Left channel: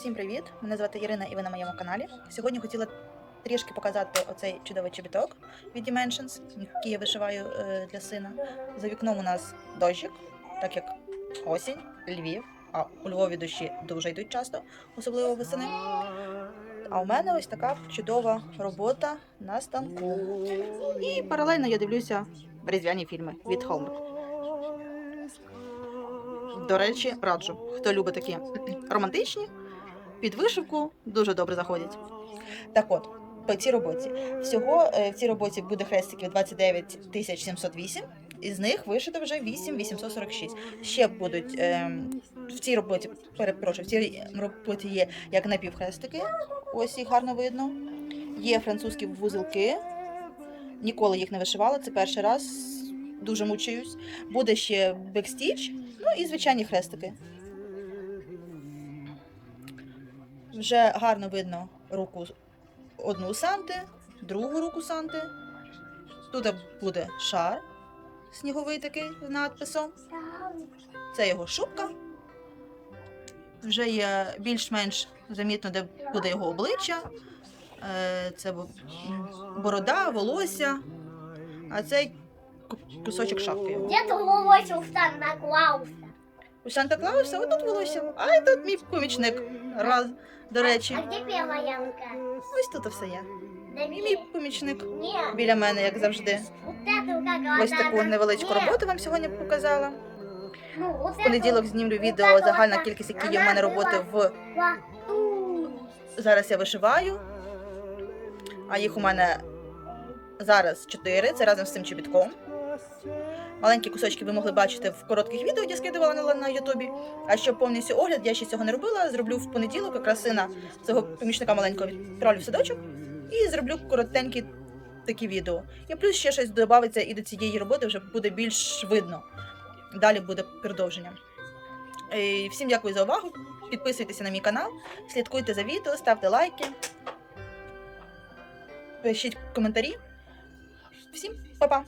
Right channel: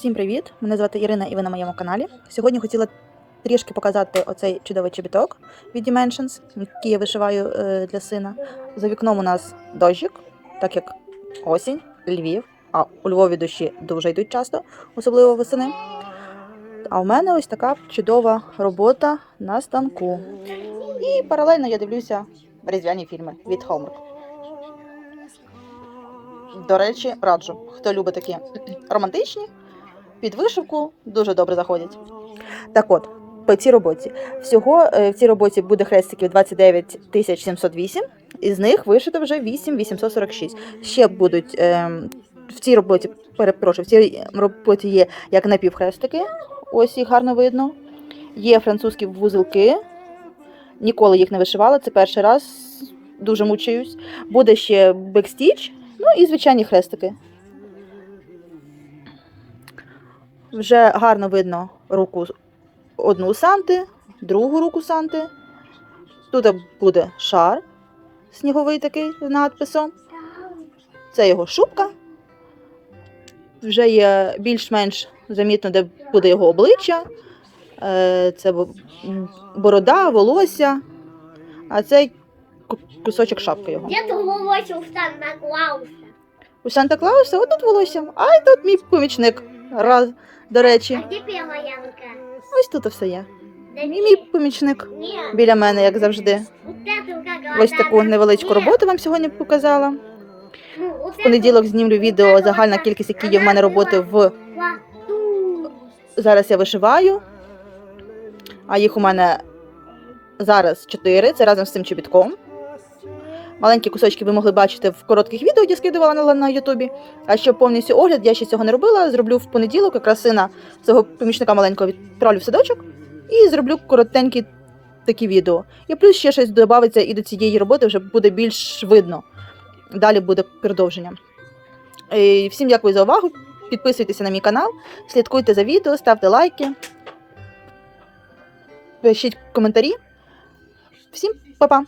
Всім привіт! Мене звати Ірина і ви на моєму каналі. Сьогодні хотіла трішки показати оцей чудовий чобіток від Dimensions, який я вишиваю е, для сина. За вікном у нас дощик, так як осінь, Львів, а у Львові дощі дуже йдуть часто, особливо восени. А в мене ось така чудова робота на станку. І паралельно я дивлюся різдвяні фільми від Hallmark. До речі, раджу, хто любить такі романтичні, під вишивку дуже добре заходять. Так от, по цій роботі. Всього е, в цій роботі буде хрестиків 29 708, із них вишито вже 8 846. Ще будуть е, в цій роботі, перепрошую, в цій роботі є як напівхрестики, ось їх гарно видно. Є французькі вузелки. Ніколи їх не вишивала, це перший раз. Дуже мучаюсь. Буде ще бекстіч, ну і звичайні хрестики. Вже гарно видно руку одну Санти, другу руку Санти. Тут буде шар сніговий такий з надписом. Це його шубка. Вже є більш-менш замітно, де буде його обличчя. Е, Це борода, волосся. А це ку- кусочок шапки його. Где ты волосся у Санта-Клауса? У Санта-Клауса отут волосся, а й тут мій помічник. Раз, до речі. А первая рука? Ось тут все є. Мій помічник біля мене, як завжди. Ось таку невеличку роботу вам сьогодні показала. Ну, В понеділок знімлю відео загальна кількість, які є в мене роботи в зараз я вишиваю. А їх у мене зараз 4, це разом з цим чобітком. Маленькі кусочки ви могли бачити в коротких відео, які скидувала на, Ютубі. А щоб повністю огляд, я ще цього не робила. Зроблю в понеділок, якраз сина цього помічника маленького відправлю в садочок і зроблю коротенькі такі відео. І плюс ще щось додається і до цієї роботи вже буде більш видно. Далі буде продовження. І всім дякую за увагу. Підписуйтеся на мій канал, слідкуйте за відео, ставте лайки, пишіть коментарі. Всім па-па!